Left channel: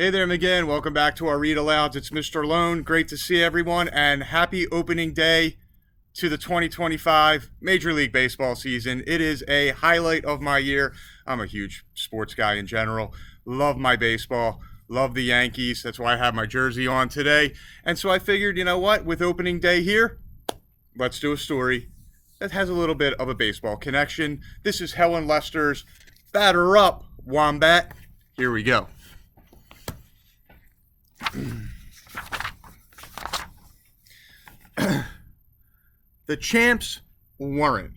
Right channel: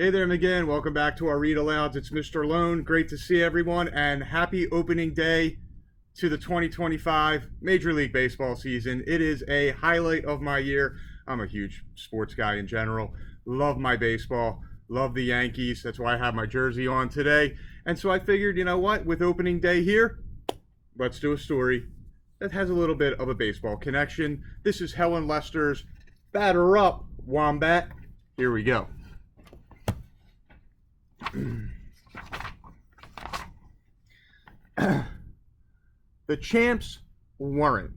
Hey there, again. Welcome back to our Read Alouds. It's Mr. Lohn. Great to see everyone, and happy opening day to the 2025 Major League Baseball season. It is a highlight of my year. I'm a huge sports guy in general. Love my baseball. Love the Yankees. That's why I have my jersey on today. And so I figured, you know what? With opening day here, let's do a story that has a little bit of a baseball connection. This is Helen Lester's Batter Up, Wombat. Here we go. The champs weren't.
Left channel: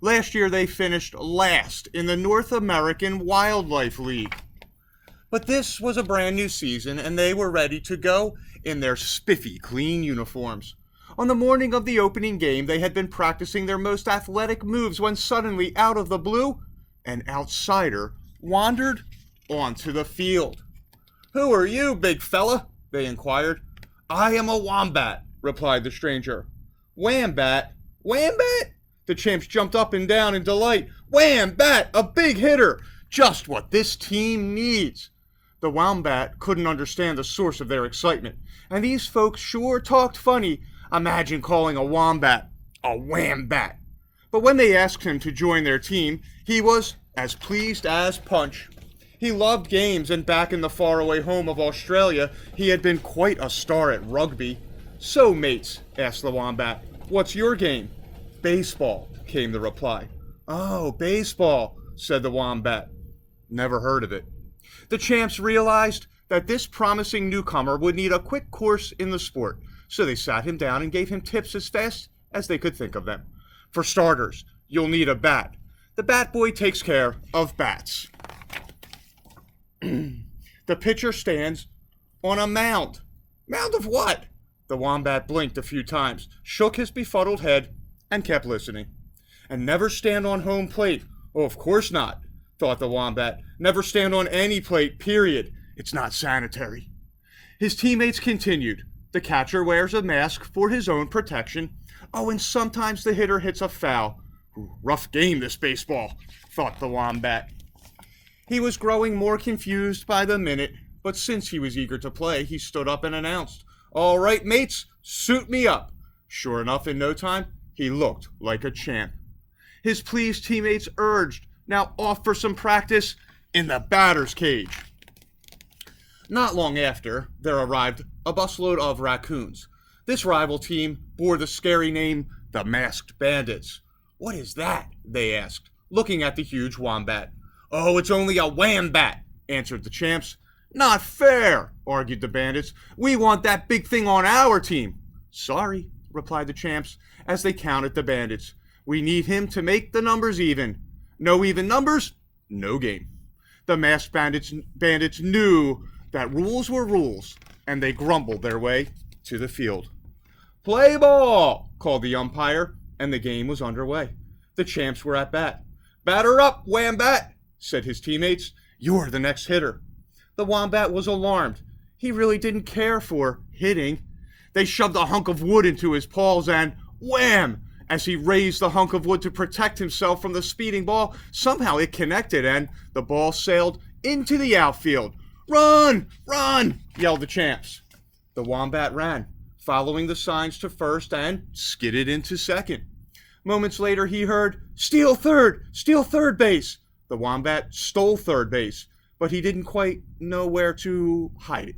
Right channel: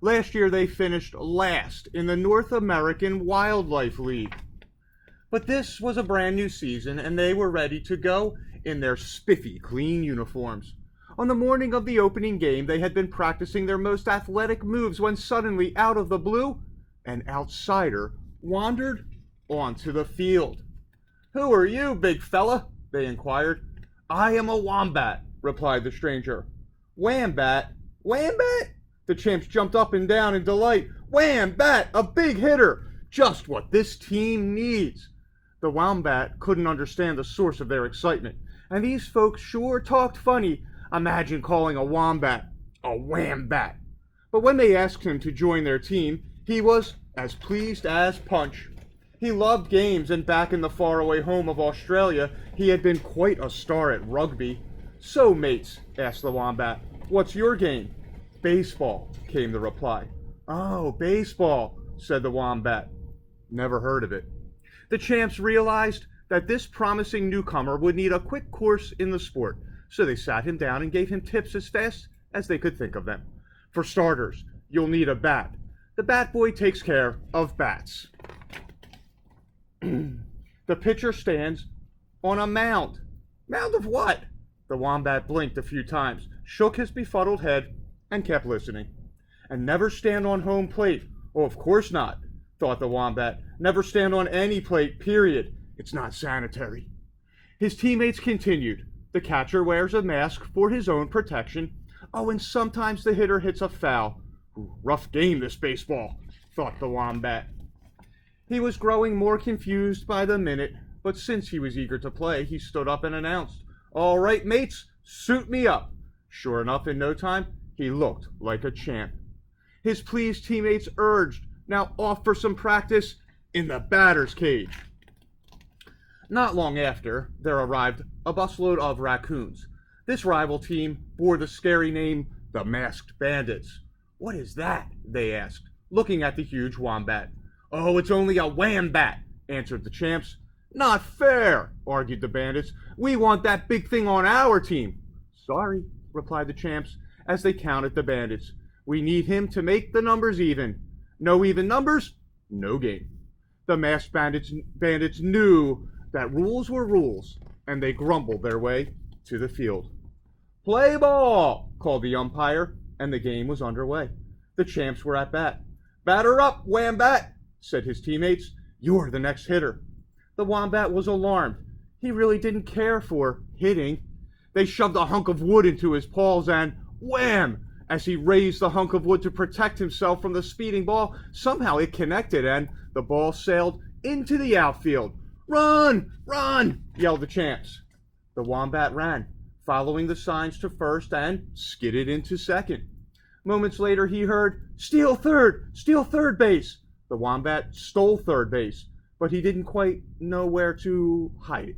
Last year they finished last in the North American Wildlife League. But this was a brand new season and they were ready to go in their spiffy, clean uniforms. On the morning of the opening game, they had been practicing their most athletic moves when suddenly, out of the blue, an outsider wandered onto the field. "Who are you, big fella?" they inquired. "I am a wombat," replied the stranger. "Wombat? Wombat?" The champs jumped up and down in delight. "Wombat, a big hitter! Just what this team needs." The wombat couldn't understand the source of their excitement, and these folks sure talked funny. Imagine calling a wombat a wombat. But when they asked him to join their team, he was as pleased as punch. He loved games, and back in the faraway home of Australia, he had been quite a star at rugby. "So, mates," asked the wombat, "what's your game?" "Baseball," came the reply. "Oh, baseball," said the wombat. "Never heard of it." The champs realized that this promising newcomer would need a quick course in the sport, so they sat him down and gave him tips as fast as they could think of them. "For starters, you'll need a bat. The bat boy takes care of bats. The pitcher stands on a mound." "Mound of what?" The wombat blinked a few times, shook his befuddled head, and kept listening. "And never stand on home plate." "Oh, of course not," thought the wombat. "Never stand on any plate, period. It's not sanitary." His teammates continued. "The catcher wears a mask for his own protection. Oh, and sometimes the hitter hits a foul." "Rough game, this baseball," thought the wombat. He was growing more confused by the minute, but since he was eager to play, he stood up and announced, "All right, mates, suit me up." Sure enough, in no time, he looked like a champ. His pleased teammates urged, "Now off for some practice in the batter's cage." Not long after, there arrived a busload of raccoons. This rival team bore the scary name, the Masked Bandits. "What is that?" they asked, looking at the huge wombat. "Oh, it's only a wombat," answered the champs. "Not fair," argued the bandits. "We want that big thing on our team." "Sorry," replied the champs, as they counted the bandits. "We need him to make the numbers even. No even numbers, no game." The masked bandits knew that rules were rules, and they grumbled their way to the field. "Play ball," called the umpire, and the game was underway. The champs were at bat. "Batter up, wombat," said his teammates. "You're the next hitter." The wombat was alarmed. He really didn't care for hitting. They shoved a hunk of wood into his paws and wham! As he raised the hunk of wood to protect himself from the speeding ball, somehow it connected and the ball sailed into the outfield. "Run! Run!" yelled the champs. The wombat ran, following the signs to first and skidded into second. Moments later he heard, steal third base." The wombat stole third base, but he didn't quite know where to hide it.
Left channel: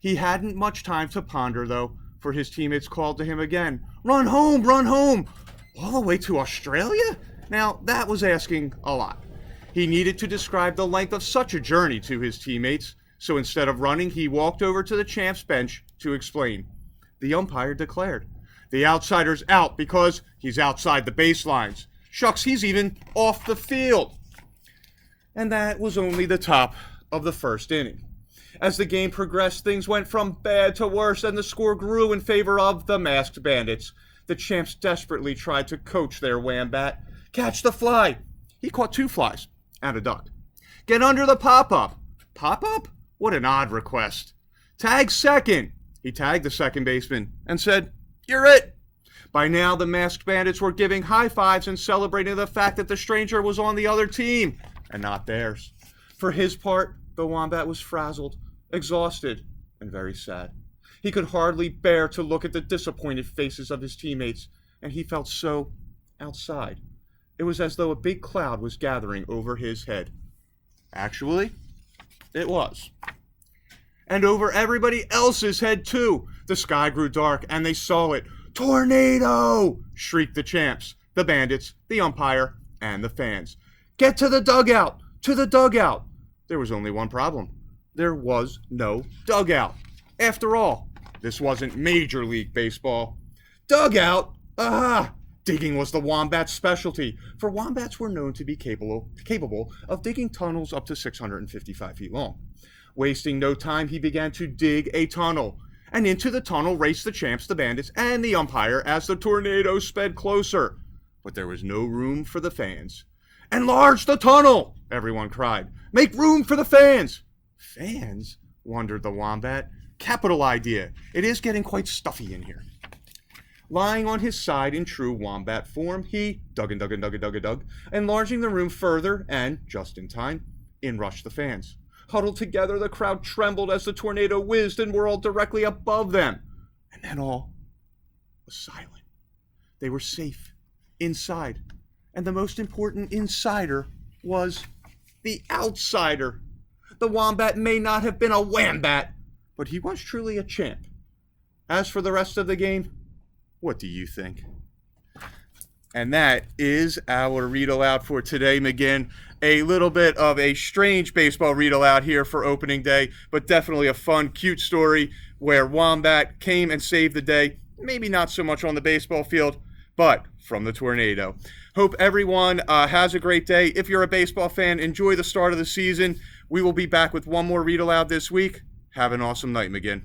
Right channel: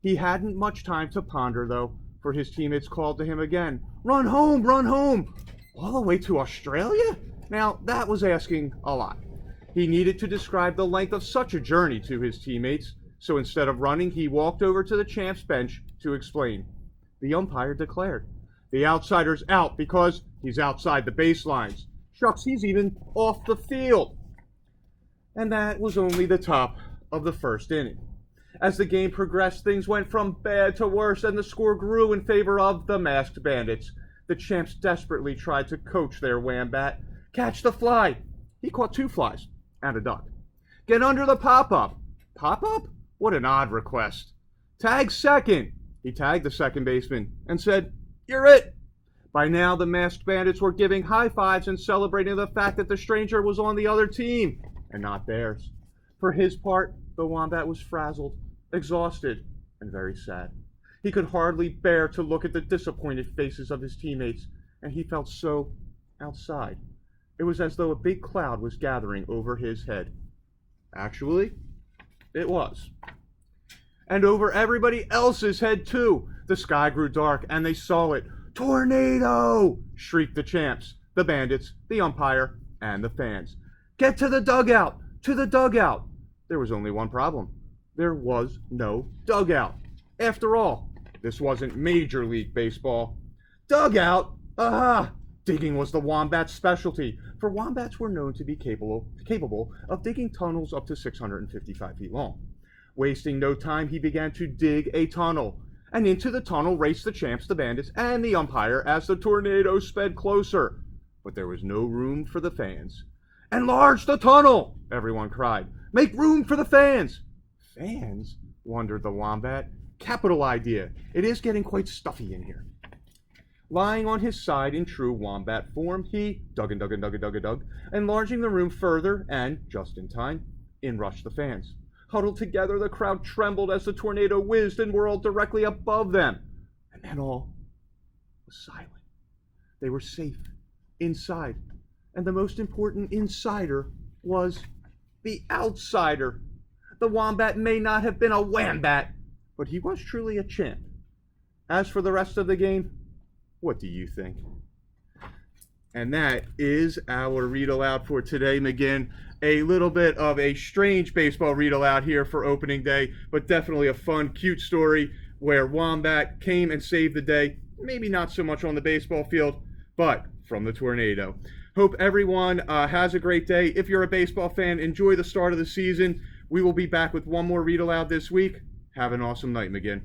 He hadn't much time to ponder, though, for his teammates called to him again. Run home! Run home!" All the way to Australia? Now, that was asking a lot. He needed to describe the length of such a journey to his teammates, so instead of running, he walked over to the champs' bench to explain. The umpire declared, "The outsider's out because he's outside the baselines. Shucks, he's even off the field." And that was only the top of the first inning. As the game progressed, things went from bad to worse, and the score grew in favor of the Masked Bandits. The champs desperately tried to coach their wombat. "Catch the fly." He caught 2 flies and a duck. "Get under the pop-up." Pop-up? What an odd request. "Tag second." He tagged the second baseman and said, "You're it." By now, the Masked Bandits were giving high fives and celebrating the fact that the stranger was on the other team and not theirs. For his part, the wombat was frazzled. exhausted and very sad. He could hardly bear to look at the disappointed faces of his teammates, and he felt so outside. It was as though a big cloud was gathering over his head. Actually, it was. And over everybody else's head, too. The sky grew dark, and they saw it. "Tornado!" shrieked the champs, the bandits, the umpire, and the fans. "Get to the dugout! To the dugout!" There was only one problem. There was no dugout. After all, this wasn't Major League Baseball. Dugout? Aha! Digging was the Wombat's specialty, for Wombats were known to be capable of digging tunnels up to 655 feet long. Wasting no time, he began to dig a tunnel. And into the tunnel raced the champs, the bandits, and the umpire as the tornado sped closer. But there was no room for the fans. "Enlarge the tunnel!" everyone cried. "Make room for the fans!" "Fans?" wondered the Wombat. "Capital idea. It is getting quite stuffy in here." Lying on his side in true Wombat form, he dug and dug and dug and dug and dug, enlarging the room further, and, just in time, in rushed the fans. Huddled together, the crowd trembled as the tornado whizzed and whirled directly above them. And then all was silent. They were safe, inside. And the most important insider was the outsider. The Wombat may not have been a Wombat, but he was truly a champ. As for the rest of the game, what do you think? And that is our read aloud for today, McGinn. A little bit of a strange baseball read aloud here for opening day, but definitely a fun, cute story where Wombat came and saved the day. Maybe not so much on the baseball field, but from the tornado. Hope everyone has a great day. If you're a baseball fan, enjoy the start of the season. We will be back with one more read aloud this week. Have an awesome night, McGinn.